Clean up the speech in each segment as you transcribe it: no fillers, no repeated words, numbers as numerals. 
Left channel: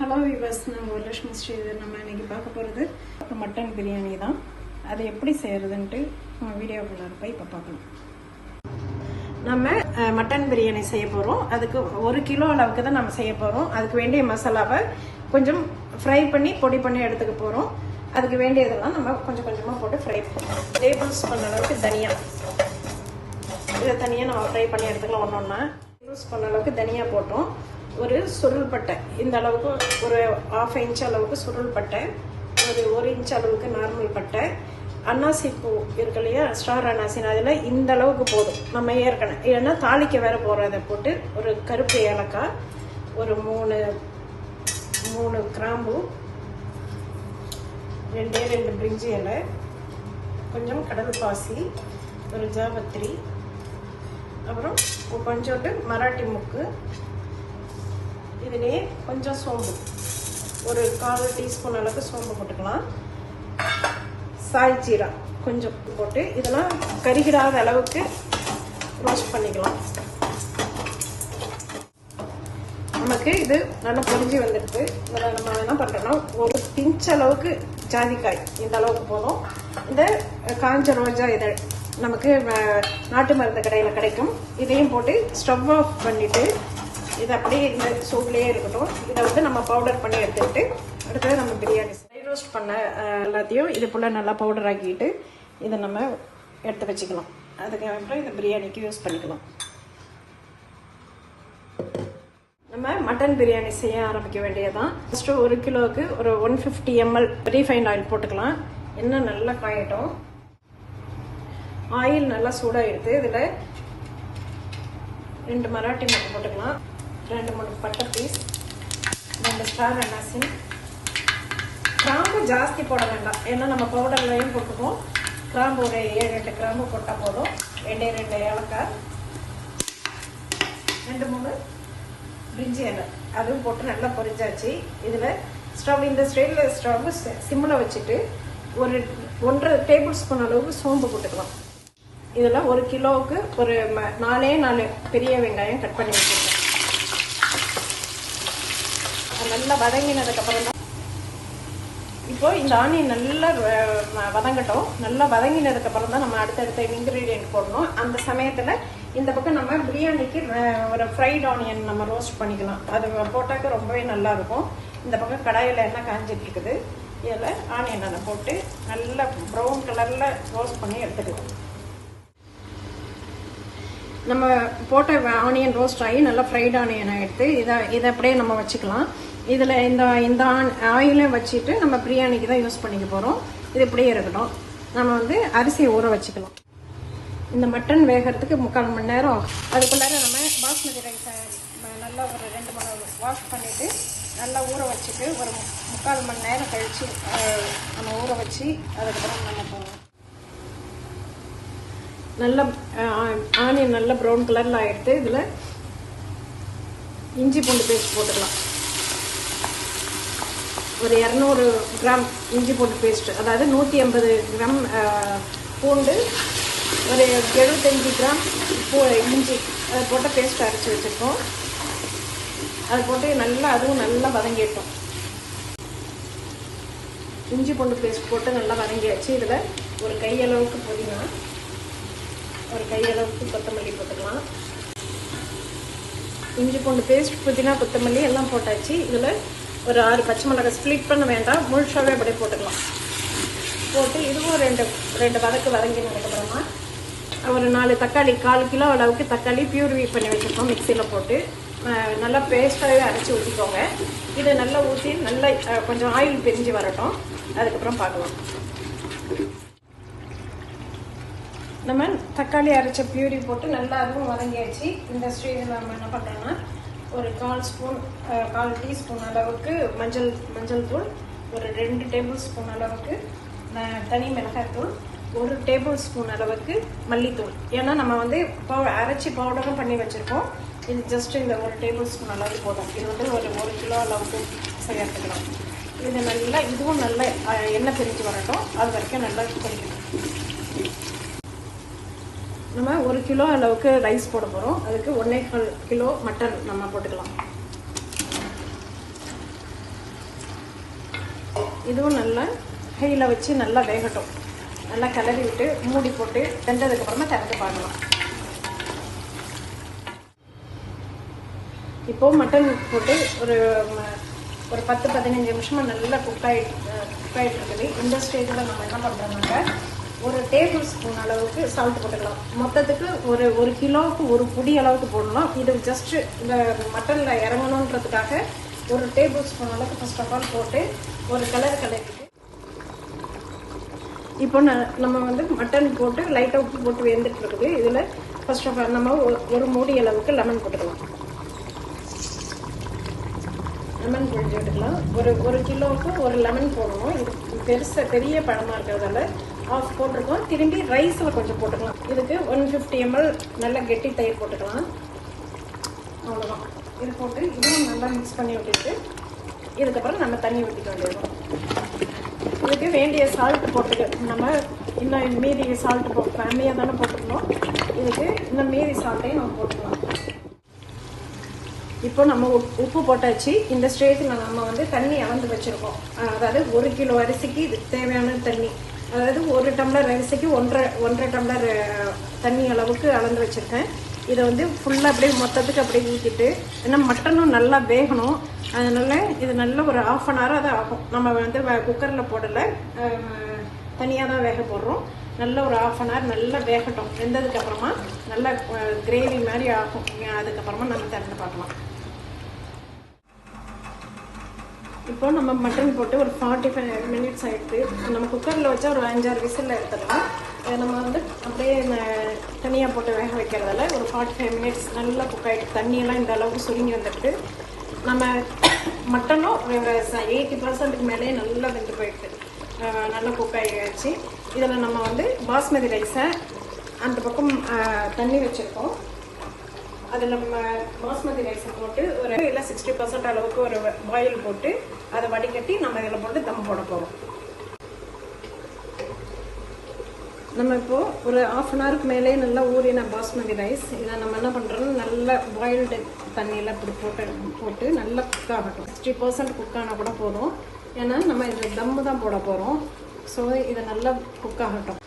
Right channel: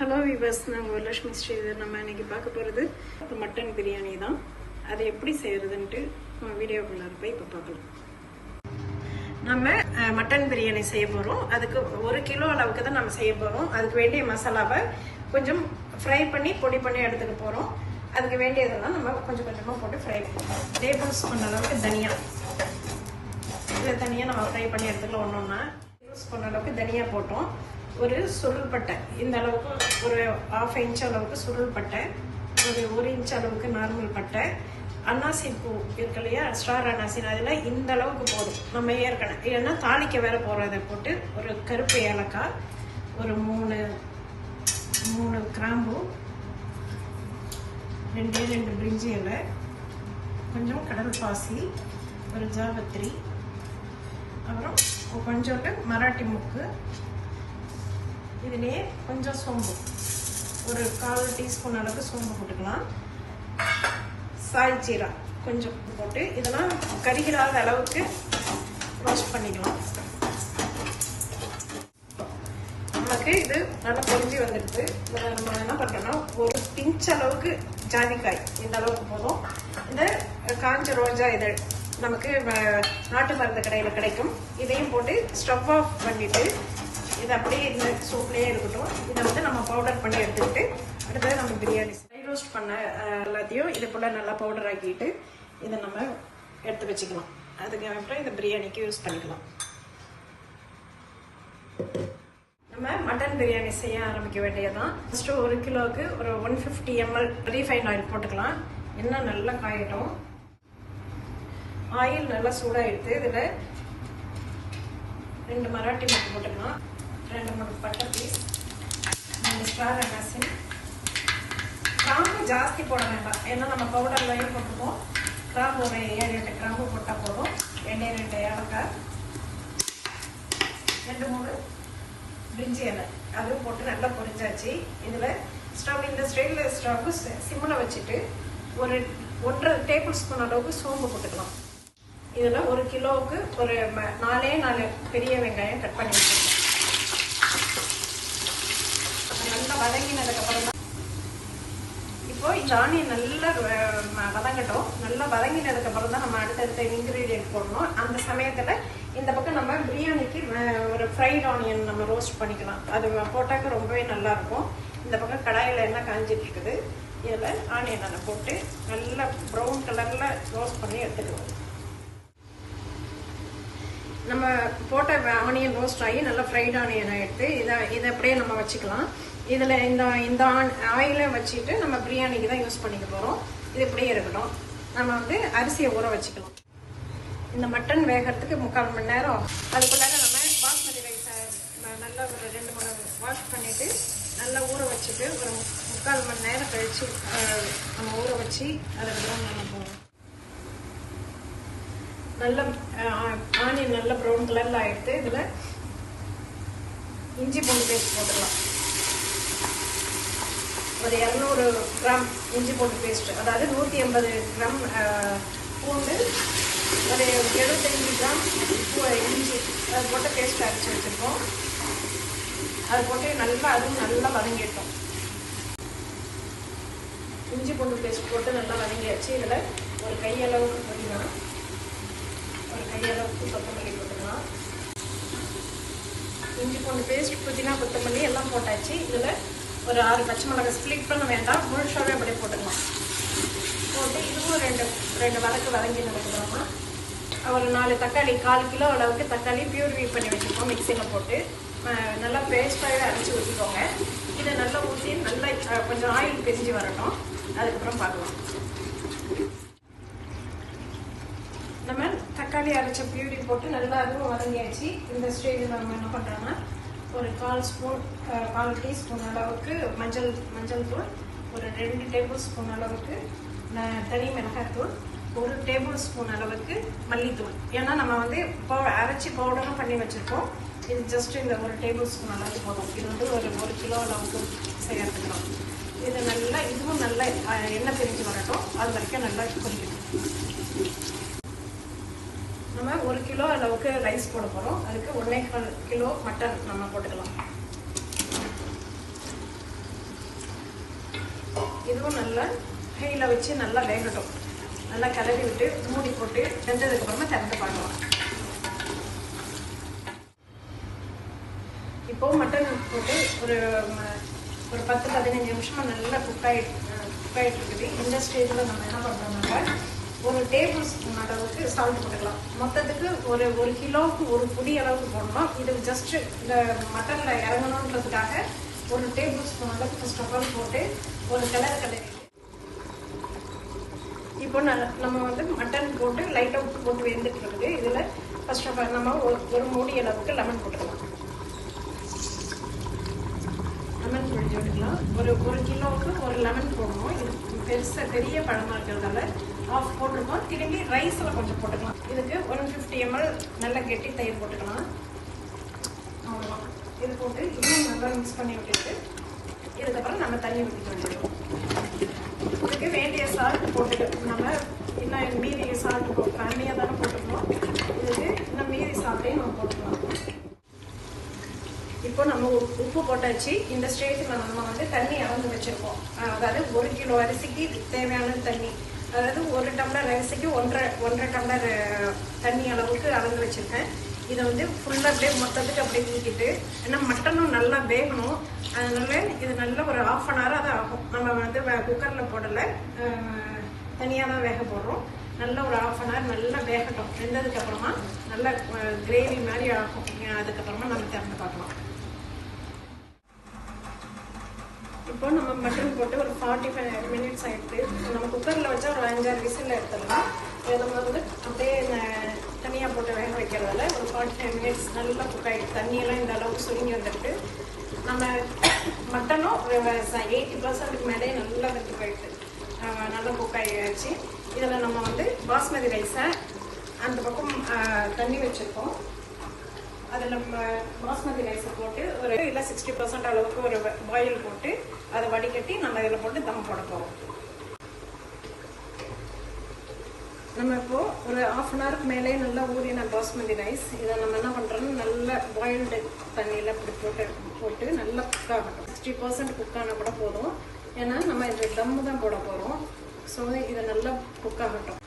Hello viewers, நான் வரலட்சுமி ஸ்ரீதர். நம்ம இன்னைக்கு பார்க்க போகிறது மட்டன் பிரியாணி தான். அது எப்படி செய்யறதுன்ட்டு வீடியோக்குள்ள போய் இப்போ பார்க்கலாம். நம்ம மட்டன் பிரியாணி செய்ய போகிறோம். அதுக்கு 1 கிலோ அளவுக்கு தான் நம்ம செய்ய போகிறோம். அதுக்கு வேண்டிய மசாலாவை கொஞ்சம் ஃப்ரை பண்ணி பொடி பண்ணி எடுத்துக்க போகிறோம். அதுக்கு வேண்டியதெல்லாம் நம்ம கொஞ்சம் கொஞ்சமாக போட்டு ஃப்ரை பண்ணுவோம். டேபிள் ஸ்பூன் அளவுக்கு தனியா, இதை தனியாக நம்ம ஃப்ரை பண்ணி எடுத்துக்கலாம். ஒன்றா டேபிள் ஸ்பூன் அளவுக்கு தனியா போட்டோம். ஒரு சுருள் பட்டை, இந்த அளவுக்கு ஒரு 1/2 இன்ச் அளவுக்கு சுருள் பட்டை, ஒரு 1 இன்ச் அளவுக்கு நார்மல் பட்டை, அன்னாசி பூ இருக்கு இல்லையா, ஸ்டார் அன்னாசி, அதில் இந்த அளவுக்கு போதும். நம்ம ஏற்கனவே ஏன்னா தாளிக்க வேற போறதை போட்டு ஒரு கருப்பு ஏலக்காய், ஒரு 3 கிராம்பு, 2 பிரிஞ்சி இலை, கொஞ்சம் கடல் பாசி, ஒரு ஜாவத்திரி, அப்புறம் கொஞ்சோட்டு மராட்டி முக்கு, இதுலேயே கொஞ்சம் சோம்பு, ஒரு 1/4 டீஸ்பூன் அளவுக்கு சோம்பு போட்டுக்கலாம். சாய் ஜீரா கொஞ்சம் போட்டு இதெல்லாம் கரிகிராத அளவுக்கு ரோஸ்ட் பண்ணிக்கலாம். நமக்கு இது நல்லா பொரிஞ்சு வந்துடுது. இதில் நம்ம என்ன பண்ணுறோம்னா ஒரு பிஞ்ச் அளவுக்கு ஜாதிக்காய், இந்த அளவுக்கு போதும். இந்த காஞ்ச ரோஜா இதை நமக்கு நாட்டு மருந்து கடையில் கிடைக்கும். இதையும் போட்டு ஸ்டவ் ஆஃப் பண்ணிட்டு இது அப்படியே இந்த சூப்லேயே இருக்கட்டும். இதை வந்து நம்ம பவுடர் பண்ணி எடுத்துக்கிட்டு அடுத்தது நம்ம பிரியாணி ஃப்ரை ரோஸ்ட் பண்ண எல்லாத்தையும் இது போல் நல்லா பவுடர் ஆக்கிட்டு இதை நம்ம எடுத்து வச்சுக்கலாம். அதுக்கப்புறம் இதை பிரியாணிக்கு யூஸ் பண்ணிக்கலாம். நம்ம மட்டன் பிரியாணி செய்ய ஆரம்பிக்க வேண்டியதான். ஃபர்ஸ்ட் 1 கிலோவுக்கு ஒரு 150 ml ரீஃபைண்ட் ஆயில் போட்டுக்கலாம். எண்ணெய் நல்லா காயட்டும். ஆயில் நல்லா சூடாகிடுது. இதில் 2 மராட்டி முட்டை போட்டுக்கலாம், 2-3 பட்டை பீஸ், 2 ஸ்டார் அன்னாசி. கிராம்பு ஜாஸ்தி போட வேண்டாம், ஏன்னா நம்ம பவுடர்லையும் போட்டுப்போம். கிராம்பு ஒரு 7-8 கிராம்பு போட்டால் போதும். 2 ஏலக்காய், 2-3 பிரிஞ்சி இலை, அதுவும் போட்டு நல்லா பொரிச்சாச்சு. இதில் ஸ்டவ் இந்த ஸ்டைலில் ஸ்டவ் சிம்மில் வச்சுட்டு ஒரு 1.5 டேபிள் ஸ்பூன் அளவுக்கு சோம்பு போட்டுக்கலாம். இதில் 1 கிலோவுக்கு ஒரு 4 பெரிய வெங்காயம் கட் பண்ணி வச்சுருக்கோம். நல்லா வதங்கினதுக்கப்புறம் தான் இப்போ இந்த ஆனியன் நல்லா வதங்கட்டும். நல்லா வதங்கினதுக்கப்புறம் தான் நம்ம அடுத்தடுத்த இன்கிரீடியன்ட் போடணும். அந்த சமயத்தில் இந்த பக்கம் நம்ம பிரியாணிக்கு ஒரு ஃப்ரைட் ஆனியன் நம்ம ரோஸ்ட் பண்ணிக்கலாம். அது போட்டாக்க ரொம்பவே நல்லா இருக்கும். இந்த பக்கம் கடாயில் எண்ணெய் காஞ்சிட்டு இருக்குது. இதில் ஆனியனை போட்டு நல்லா ப்ரௌன் கலரில் ரோஸ்ட் பண்ணி எடுத்துக்கலாம். நம்ம போட்ட ஆனியன் ரோஸ்ட் ஆகி நல்லா ஃப்ரைட் ஆனியனை எடுத்து இதை அப்படியே நம்ம வச்சுக்கலாம். இதில் இந்த ஆயிலை வச்சுட்டு நம்ம பிரியாணிக்கு தான் யூஸ் பண்ணிக்க போகிறோம். இது இப்படியே இருக்கட்டும். நம்ம வந்து அரிசி ஊற வச்சுக்கலாம். இந்த மட்டன் வேகிறதுக்கு 3/4 மணி நேரம். அதுக்குள்ளார நம்ம பாஸ்மதி ரைஸை நல்லா ஒரு 2 மணி வாஷ் பண்ணிவிட்டு நல்லா ஊற வச்சுட்டு ஒரு 3/4 மணி நேரம் கழித்து நம்ம ஊற வச்சு அதுக்கப்புறம் நம்ம போகிறோம். நல்ல ஆனியன் நல்ல ப்ரௌன் கலரில் ஆகிடுது. இதில் இஞ்சி பூண்டு பேஸ்ட் போட்டுக்கலாம். ஒரு 200 கிராம் இஞ்சி பூண்டு பேஸ்ட், அதாவது 150 கிராம் பூண்டு, ஒரு 75 கிராம் இஞ்சி, அதை போட்டு பேஸ்ட் அரைச்சி வச்சுருக்கோம். அதை போட்டு நல்லா அதுவும் நல்லா வதங்கிட்டோம். இஞ்சி பூண்டு பேஸ்ட் போட்டு நல்லா வதங்கியாச்சு. இதில் ஒரு கையளவுக்கு புதினா, ஒரு கையளவுக்கு கொத்தமல்லி போட்டுக்கலாம். இஞ்சி பூண்டு பேஸ்ட், புதினா, கொத்தமல்லி எல்லாம் போட்டாச்சு. இதில் ஒரு 6 பச்சை மிளகாய் ஸ்ப்ளிட் பண்ண வேண்டாம், முழுசாவே அப்படியே போட்டுக்கலாம். போட்டு இதுவும் 2 வதக்கு வதங்கி போட்டுக்கலாமா. ஒரு 4 தக்காளி, 1/4 கிலோ அளவுக்கு தக்காளி பியூரிஃபை பண்ணி வச்சுருக்கோம். மிக்சியில் போட்டு நல்லா பேஸ்ட்டாகவே அரைச்சி ஊற்றிக்கோங்க. இதை நல்லா ஊற்றி நல்லா கொஞ்சம் ஆயில் பிரிஞ்சு வரட்டும். அதுக்கப்புறம் பார்க்கலாம். நம்ம தக்காளி அரைச்ச பியூரி போட்டு நல்லா இருக்கும் வதங்கியாச்சு. இந்த ஸ்டேஜில் நம்ம என்ன பண்ணுறோம்னா ஒரு 1/4 டீஸ்பூன் அளவுக்கு மஞ்சள் தூள், ஒரு 2 டேபிள் ஸ்பூன் அளவுக்கு தனி மிளகாய் தூள், 1 டேபிள் ஸ்பூன் அளவுக்கு மல்லித்தூள். ஏன்னா நம்ம வந்து அரைச்சி பவுடரும் பண்ணி வச்சுருக்கோம். இது ஜஸ்ட் இந்த 1 டேபிள் ஸ்பூன் அளவுக்கு போதும். இது வந்து ஒரு 1 கிலோ அளவுக்கு செய்யறதுக்கலாம். இது நல்லா இதுவும் நல்லா எண்ணெய் பிரிஞ்சு வரட்டும். அது வரைக்கும் நல்லா பண்ணிக்கணும். நம்ம 1 கிலோ அளவுக்கு ரைஸ் போட போகிறோம். அதுக்கு 1.25 கிலோ மட்டன் நம்ம போட்டுக்கலாம். இதுவும் நல்லா ஹையில் வச்சு நல்லா வேகட்டும். நல்லா கிளறி விட்டு மூடி போட்டு வெந்ததுக்கப்புறமா திறந்து பார்க்கலாம். இப்போ மட்டன் போட்டு ஒரு 10-15 நிமிஷமா நல்லா குக் ஆகிட்டு இருக்குது. இந்த ஸ்டேஜில் நம்ம என்ன பண்ணுறோம்னாக்க ஒரு டேபிள் ஸ்பூன் அளவுக்கு சால்ட் போட்டுக்கலாம். மொத்தத்துக்கு ஒரு கிலோவுக்கு ஒரு புடி அளவுக்கு போடணும். இது ஜஸ்ட் இந்த மட்டனில் இறங்கணுன்றதுக்காக ஒரு டேபிள் ஸ்பூன் அளவுக்கு ஃபர்ஸ்ட் ஆஃப் ஆல் போட்டு ஒரு கிளறிட்டு இப்போ நம்ம வந்து மட்டன் போட்டு லைட்டாக உப்பு போட்டு வெந்துட்டு இருக்குது. இதில் ஃபர்ஸ்ட் ஆஃப் ஆல் நம்ம ஒரு மூடி அளவுக்கு லெமன் போட்டுக்கலாம். லெமன் போட்டுக்கலாம். ஒரு கிலோவுக்கு ஒரு லெமன் போடணும். இது பெரிய பழமாக இருக்கிறதால ஆஃப் போட்டுருக்கோம். திரும்பி ரைஸில் கொஞ்சம் போட்டுக்கலாம். இதுக்கு 150 ml நல்ல கெட்டி தயிர் போட்டுக்கலாம். அவ்வளோதான். இது போட்டு இதுவும் நல்லா மிக்ஸ் பண்ணி விட்டுட்டு இதுக்கப்புறம் நம்ம தண்ணி ஊற்றிக்க வேண்டியது. இதுக்கு வேண்டிய சால்ட் போட்டு நம்ம இன்னும் மீதி சால்ட் போட்டு கம்மியாக தானே போட்டுருக்கோம். இதுக்கு இன்னும் மீதி சால்ட்டையும் நம்ம போட்டுக்கலாம். இப்போ நம்ம உப்பு போட்டாச்சு. இந்த ஸ்டேஜில் நம்ம வந்து தண்ணி அளந்து வச்சுருக்கோம். அதாவது 1 கிலோ அரிசிக்கு இதுக்கு தேவையான தண்ணி, அதாவது 1 டம்ளர் அரிசிக்கு 1.5 டம்ளர் தண்ணி அளவுக்கு அளந்து வச்சுருக்கேன். இதை வந்து ஃபுல்லாக அப்படியே மொத்தத்துக்கு அப்படியே ஊற்றிட்டு, ஏன்னா மட்டனும் நல்லா வேகணும். அதனால இது நல்ல ஒரு 1/2 அன் ஹவர் தான் ஆகும். நம்ம வந்து குக்கரில் போடலை, தனியாக தான் வேக போடுறோம். நல்ல ஒரு 1/2 அன் ஹவர் நல்லா வேகட்டும். வெந்ததுக்கப்புறமா நல்லா கிரேவி மாதிரி ஆகும். அதுக்கப்புறமா நம்ம திறந்து பார்க்கலாம். இப்போ நம்ம மட்டன் போட்டு ஒரு 45 மினிட்ஸ் ஆகிடுது. நம்ம குக்கரில் வச்சா ஒரு 5-6 விசில் எடுத்துடலாம். நம்ம வந்து அப்படியே தனியாக போட்டு வேக வைக்கிறதால ஒரு 45 மினிட்ஸ் நல்லா குக் ஆகிடுது. தண்ணியெல்லாம் இந்த அளவுக்கு சுருங்கி வந்துட்டு நம்ம மட்டனும் 80% மேலே நல்லா வெந்து போயிடுது. நல்லா குக் ஆகிடுச்சு. இதில் நம்ம வந்து பாஸ்மதி ரைஸை அந்த பக்கம் தண்ணி வச்சுருக்கோம். அதில் நம்ம பாஸ்மதி ரைஸை போட்டு ஒரு இல்லை 60% அளவுக்கு ஒரு பாயில் போட்டு அதை வடிகட்டி நம்ம இதில் போட்டு தம் போட போகிறோம். நம்ம இப்போ ஒரு 1/2 அன் ஹவருக்கு மேலே நல்லா ஊறின பாஸ்மதி ரைஸ் இதை நம்ம என்ன பண்ணுறோம்னா நல்லா பாயில்டு தண்ணியில் இப்படி போட்டு நல்லா குக் ஆகட்டும். 60% குக் ஆனால் கூட போதும். ஏன்னா நம்ம இந்த தம்மு தான் போட போகிறோம். ஸோ இதை நல்லா குக் ஆகட்டும்.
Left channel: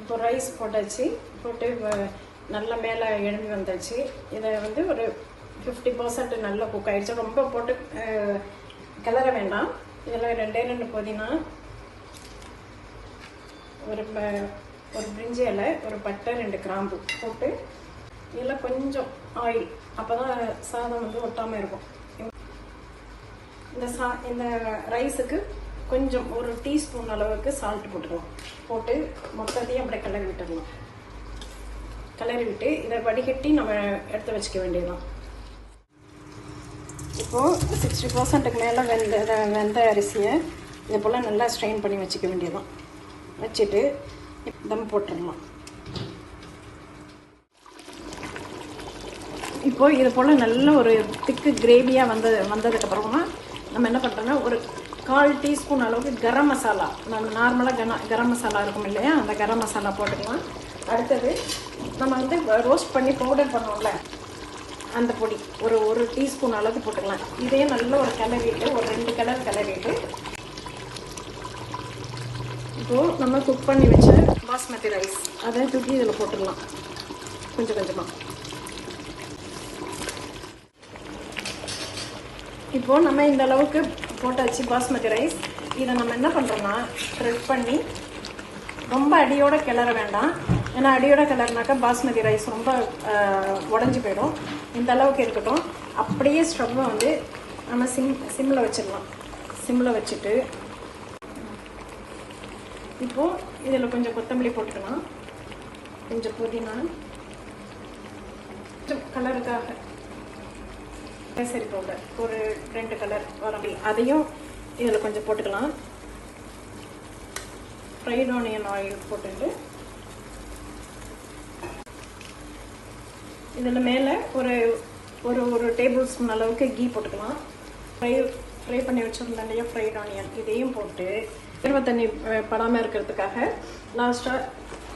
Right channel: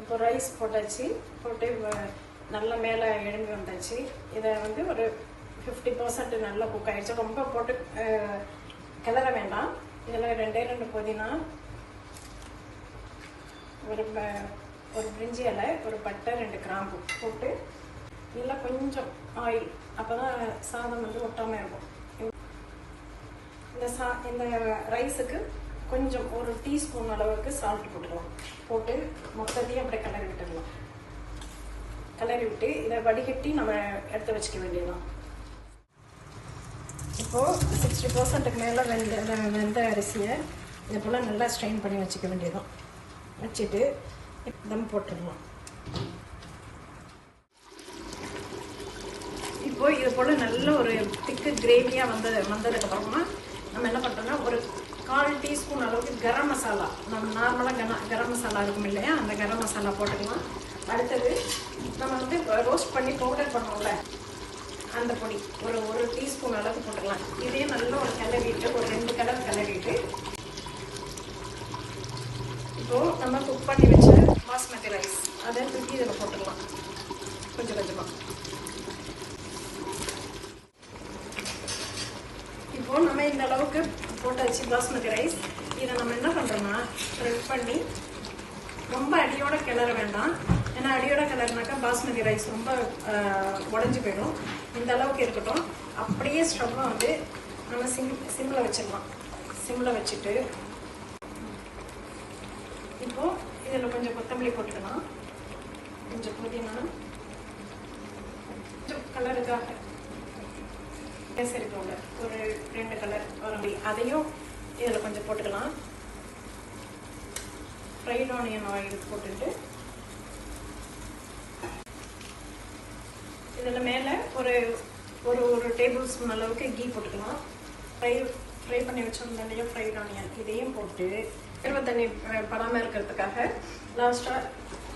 இப்போ ரைஸ் போட்டாச்சு. போட்டு நல்லா மேலே எழும்பி வந்தாச்சு. இதை வந்து ஒரு 50% நல்லா குக் ஆகிடுச்சு. ரொம்ப போட்டு கிளற வேண்டாம். இதில் 2 புதினா, ஒரு பிரிஞ்சி இலை, ஒரு பட்டை, 2 கிராம்பு போட்டு இதில் கொஞ்சம் ஆயில், அப்போ தான் சாதம் வந்து ஒட்டாமல் இருக்கும். இந்த ரைஸுக்கு கொஞ்சம் ஒரு டீஸ்பூன் அளவுக்கு சால்ட் போட்டுக்கலாம். போட்டு மொத்தத்தையும் அப்படியே கிளறி விட்டுடலாம். கிளறி விட்டு இதை வடிகட்டி நம்ம எடுத்து வச்சுக்க வேண்டியதுதான். இப்போது 60%க்கு மேலே வெந்த அரிசியை இதை போல் நல்லா ஸ்ட்ரெயின் பண்ணி வச்சுக்க வேண்டியதுதான். வச்சுட்டு தம் போட்டுடலாம். இப்போது இது போல் நல்ல ஒரு திக்கு கிரேவியாக வந்ததுக்கப்புறமா நம்ம என்ன பண்ணுறோம்னா ஒரு 1/4 டீஸ்பூன் அளவுக்கு கரம் மசாலா, நம்ம நார்மலாக கரம் மசாலா இருக்கும் இல்லையா, அந்த கரம் மசாலா போட்டுக்கலாம். அடுத்தது நம்ம வந்து ரோஸ்ட் பண்ணி பவுடர் பண்ணுவோம்ல, அந்த பொடி ஒரு டீஸ்பூன் அளவுக்கு போட்டுக்கலாம். இதே நல்ல ஒரு கிளறிட்டு ஒரு 2 கலர் கிளறிட்டு இப்போது நம்ம குக் பண்ணி வச்ச பாஸ்மதி ரைஸ் அதை தூக்கி இதில் போட்டுக்கலாம் கொஞ்சம் கொஞ்சமாக. இப்போது நம்ம இந்த அளவுக்கு போட்டாச்சு பாஸ்மதி ரைஸ். இதை நம்ம என்ன பண்ணுறோம்னா ஸ்ப்ரெட் பண்ணி ரொம்ப அடியோட கிளற வேண்டாம். ஏன்னா அடியோட கிளறினாக்கா பாஸ்மதி ரைஸ் ரொம்ப உடஞ்சி போயிடும். இந்த அளவுக்கு இருக்கட்டும். அப்படியே ஸ்டவ்வை வந்து நம்ம சிம்மில் வச்சிடலாம். சிம்மில் வச்சுட்டு இப்போது இதில் கொஞ்சம் கொத்தமல்லி போட்டுக்கலாம், கொஞ்சம் புதினா, கொஞ்சம் கலருக்காக கேசரி பவுடர் ஒரு 2 கலர் வரம்பி, அதையும் இதில் கொஞ்சம் போட்டுக்கலாம். ஃப்ரைட் ஆனியன் ஆயில் போட்டுட்டு இதில் மேலே ஒரு டேபிள் ஸ்பூன் அளவுக்கு கீ போட்டுக்கலாம். ஃப்ரை பண்ணி வச்சிருந்த நிறைய ஃப்ரைட் ஆனியன் இதையும் போட்டு தண்ணி படாமல் இருக்கிறதுக்காக லாஸ்ட்டாக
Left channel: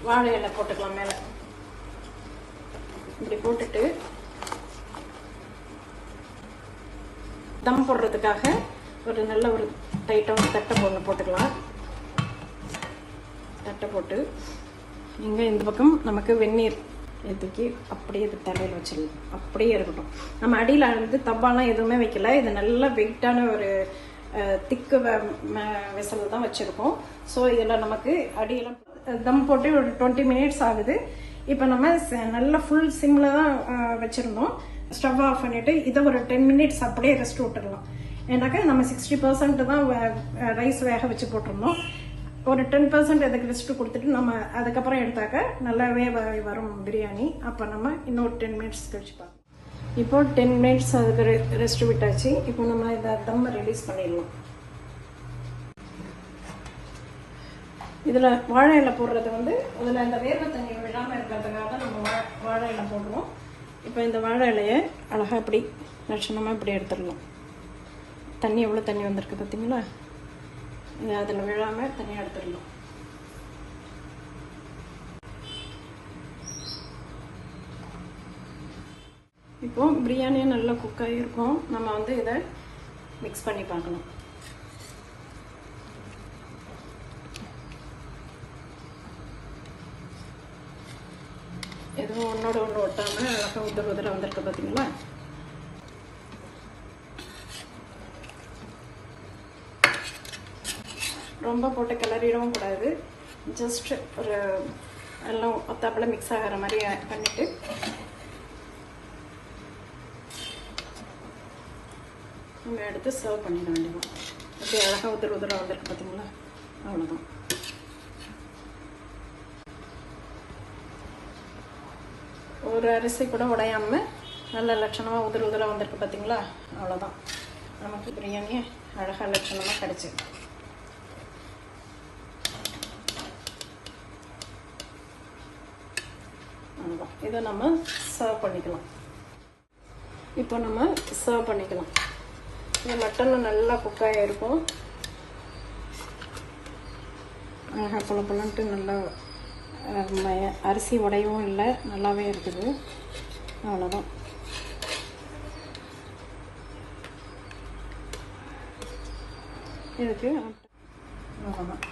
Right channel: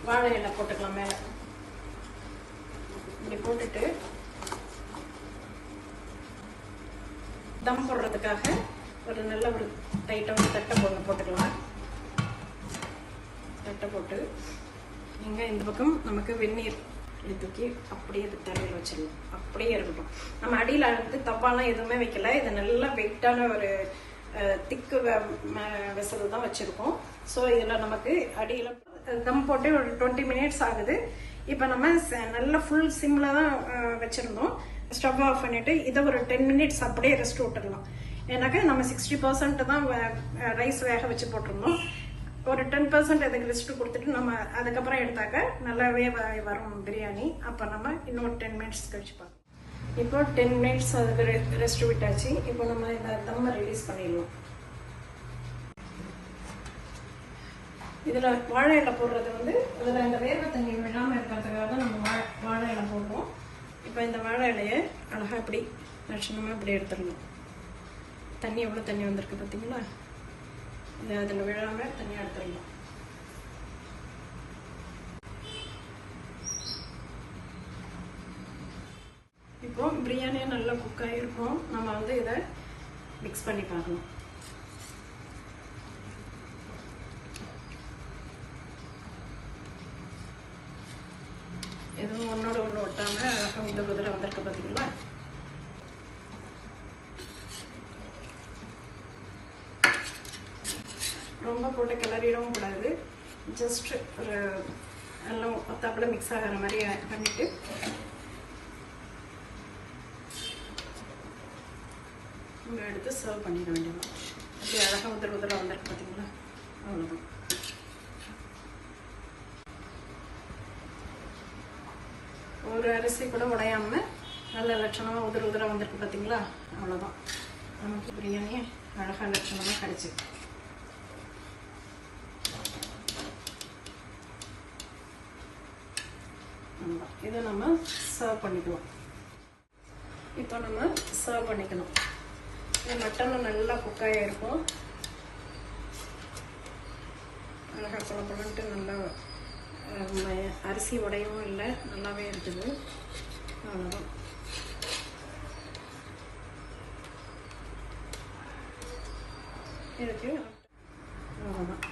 வாழை இலை போட்டுக்கலாம். மேலே இப்படி போட்டுட்டு தம் போடுறதுக்காக ஒரு நல்ல ஒரு டைட்டான தட்டை போட்டுக்கலாம். தட்டை போட்டு இங்கே இந்த பக்கம் நமக்கு வெந்நீர் தூக்கி அப்படியே இது தலையில் வச்சிடலாம். அப்படியே இருக்கட்டும். நம்ம அடியில் வந்து தப்பாலாம் எதுவுமே வைக்கல. இது நல்ல வெயிட்டான ஒரு திக்கு விசில் தான் வச்சிருக்கோம். ஸோ இதில் நமக்கு அடியில் தம் போட்டு ஒரு 20 மினிட்ஸ் ஆகுது. இப்போ நம்ம நல்ல ஃபுல் சிம்மில் தான் வச்சுருந்தோம். ஸ்டவ் ஆஃப் பண்ணிவிட்டு இதை ஒரு 10 மினிட்ஸ் அப்படியே ரெஸ்ட் விட்டுடலாம். ஏன்னாக்கா நம்ம 60% தான் ரைஸ் வேக வச்சு போட்டிருந்தோம். ஒரு 10% அதுக்கு ரெஸ்ட் கொடுத்துட்டு நம்ம அதுக்கப்புறம் எடுத்தாக்க நல்லாவே வரும் பிரியாணி. அப்போ நம்ம இன்னொரு 10 மினிட்ஸ் கழிச்சு பார்க்கலாம். இப்போ 10 மினிட்ஸ் அதுக்கு ரெஸ்ட் விட்டாச்சு. இப்போ நம்ம இதை தம்மை ரிலீஸ் பண்ணிடலாம். இதில் வாழை இலை போடுறது வந்து இதில் இந்த வேர்வை தண்ணி விடாமல் இருக்கிறதுக்காக தான் நம்ம வாழை இலை போடுறோம். இப்போ இந்த வாழை இலையை அழகாக இப்படி லட்சணமாக இப்படி எடுத்துடலாம். தண்ணி எவ்வளோ தண்ணி வந்திருக்கு பார்த்தீங்களா? அதில் விழாமல் தனியாக எடுத்துடலாம். இப்போ பிரியாணியும் நல்லா குக் ஆகிருக்கும். நம்ம வந்து இதை மிக்ஸ் பண்ணி பார்க்கணும். எதுவும் ஒன்னோட ஒன்று ஒட்டாமல் அழகாக முதல்ல வந்திருக்கு பார்த்தீங்களா? ரொம்ப போட்டு கிளறிடவும் கூடாது. ஜஸ்ட் ஒரு எல்லாம் ஒத்தாப்புல மிக்ஸ் ஆகிற மாதிரி பண்ணிட்டு இங்கே எடுத்து சர்வ் பண்ணிட வேண்டியது. ஓகே, அழகாக உதிர வந்திருக்கு பார்த்தீங்களா? அவ்வளோதான். ஒரு அரிசி கூட உடையாம நல்ல லட்சணமாக உதிர வந்திருக்கு பார்த்தீங்களா? அவ்வளோதான். நமக்கு பிரியாணி அழகாக லட்சணமாக கிடைச்சி. இதை நம்ம சர்வ் பண்ணிக்கலாம். இப்போ நம்ம சர்வ் பண்ணிக்கலாம். இந்த மட்டன் நல்லா குக்காக இருக்கும். அழகாக பொலன்ட்டு நல்லா அரிசி உடையவும் இல்லை, நல்லாவே இருக்குது. அவ்வளோதான். இதுக்கு அவ்வளோதான்.